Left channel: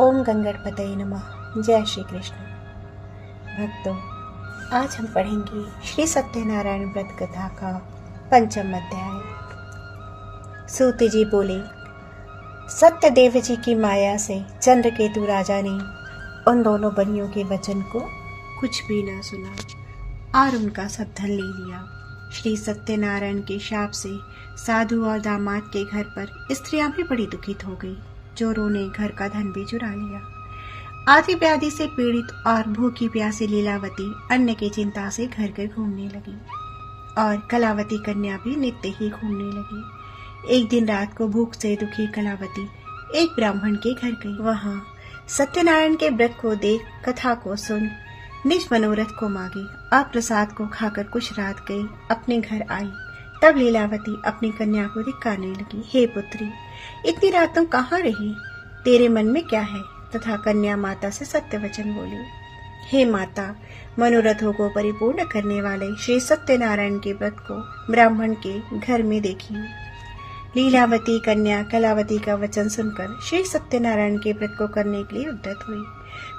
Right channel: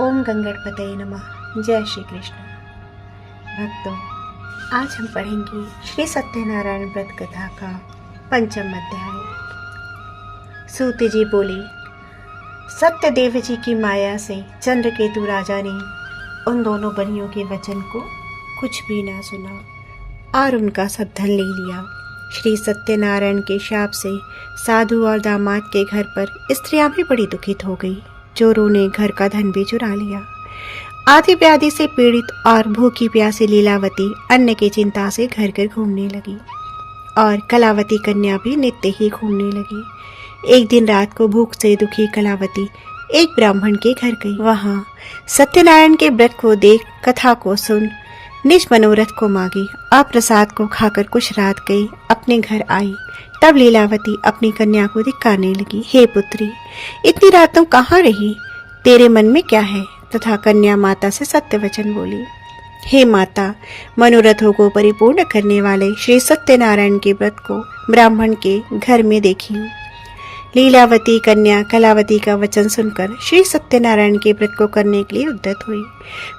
ओम गंगणपतये नमः। जय श्री कृष्ण। भक्तों, आज हम पढ़ेंगे श्री सत्यनारायण व्रत कथा का 5वां अध्याय। सूत जी बोले, सत्यदेव जी की माया से चंद्रकेतु राजा ने उन दोनों बनियों के वचन को कुछ भी ना सुना और उनका सब धन ले लिया। श्री सत्यनारायण के शाप से साधु और दामाद के घर पर स्त्रियां भी बड़ी दुखित हो गई। चोरों ने घर का धन भी चुरा लिया। आधी व्याधि से पीड़ित और भूखी प्यासी लीलावती अन्न की चिंता से घर घर घूमने लगी और कलावती कन्या भी नित्य ही घूमने लगी। एक दिन रात को भूख से दुखी कलावती एक ब्राह्मण के घर गई। वहां सत्यनारायण के व्रत को देख, कथा को सुन, निज मनोरथ को मांगी और प्रसाद को खाकर कुछ रात गई अपने घर आई। तब लीलावती अपनी कन्या को धिक्कारने लगी, हे पुत्री, इतनी रातों कहाँ रही? तेरे मन में क्या है? तथा कन्या माता से सत्य वचन बोली, हे माता, मनोरथों को परिपूर्ण करने वाले श्री सत्यनारायण के व्रत को ब्राह्मण के घर में देखी। लीलावती कन्या कलावती का वचन सुनकर श्री सत्यनारायण के व्रत को करने के लिए उद्यत हुई।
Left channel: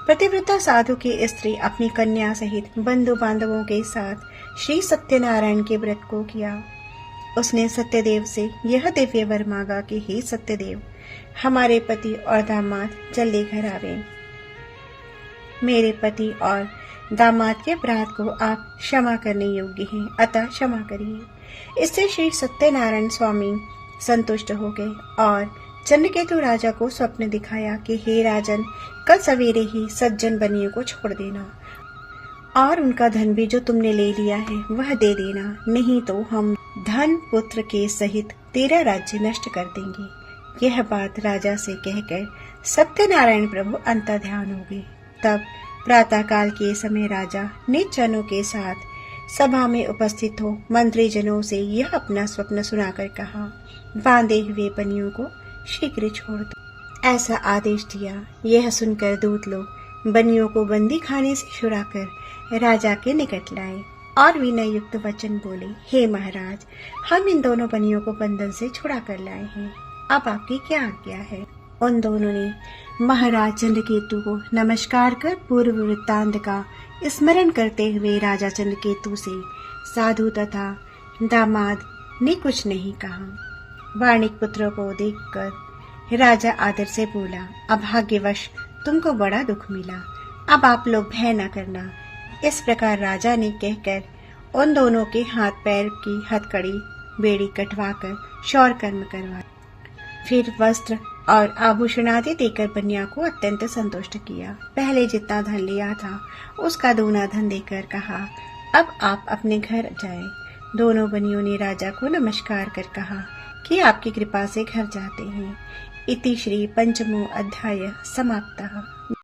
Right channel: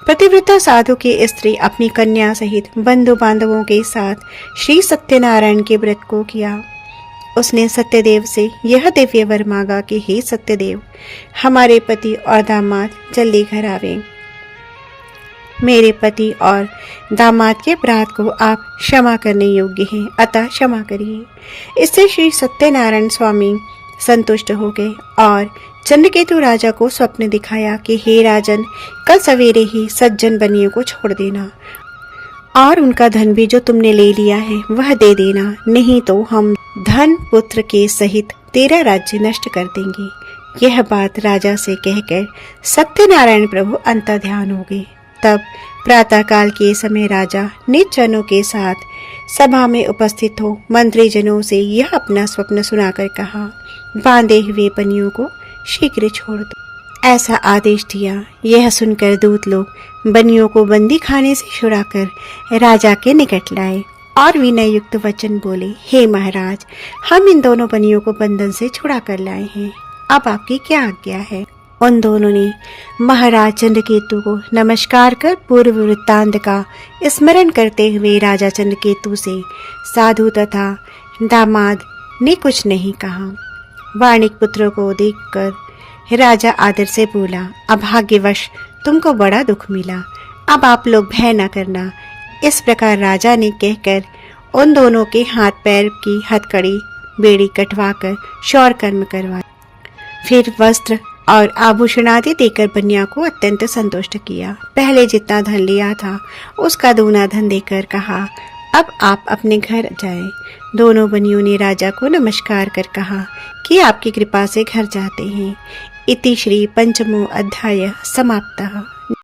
पतिव्रता साधु की स्त्री अपनी कन्या सहित बंधु बांधवों के साथ श्री सत्यनारायण के व्रत को किया। उसने सत्यदेव से यह दिव्य वर मांगा कि हे सत्यदेव, हमारे पति और दामाद जल्दी घर आवे। मेरे पति और दामाद के अपराध को आप क्षमा करने योग्य हैं, अतः क्षमा करिए। इससे श्री सत्यनारायण स्वामी संतुष्ट हो गए और चंद्रकेतु राजा को स्वप्न दिखाया कि हे राजन, कल सवेरे ही सज्जन बनियों को छोड़ देना और उनका धन भी जो तुमने ले लिया है वह दे देना, नहीं तो हम धन पुत्र के सहित तेरा राज्य नष्ट कर देंगे। यह बात राजा से कहकर सत्यनारायण प्रभु अंतर्ध्यान हो गए। तब प्रातःकाल के समय राजा निज जनों के साथ सभा में उपस्थित हो मंत्री जनों से यह अपना स्वप्न सुनाकर कहा, बांधे हुए बनियों को शीघ्र छोड़ दो, ऐसा आदेश दिया। यह सुनकर दूत लोग बनियों को बंदी खाने से छुड़ाकर राजा के निकट लाए और विनय युक्त वचन बोले, हे महाराज, हम इन दोनों बनियों को बंधन से छुड़ा कर लाए हैं, अब आपकी क्या आज्ञा है? उन दोनों ने महाराज चंद्रकेतु को नमस्कार कर पूर्व वृत्तांत का स्मरण करते हुए राजा चंद्रकेतु से साधु तथा दामाद ने कुछ नहीं कहा। वाणिक पुत्रों को देखकर राजा आदर से बोला, अभाग्यवश तुमको बड़ा दुख मिला, अब आप लोग भय न करना। इस प्रकार राजा ने कहकर उन दोनों के हाथ पैर की हथकड़ी बेड़ी कटवाकर शौर कर्म करवाया। फिर वस्त्र और आभूषण आदि देकर बनिया को अत्यंत संतुष्ट किया। पहले जितना धन लिया था उसका दूना धन देकर कहा, अब आप अपने घर जाएं। दोनों बनियों ने राजा को नमस्कार कर कहा कि आपकी कृपा से घर जाते हैं। इति श्री 5वां अध्याय समाप्तः।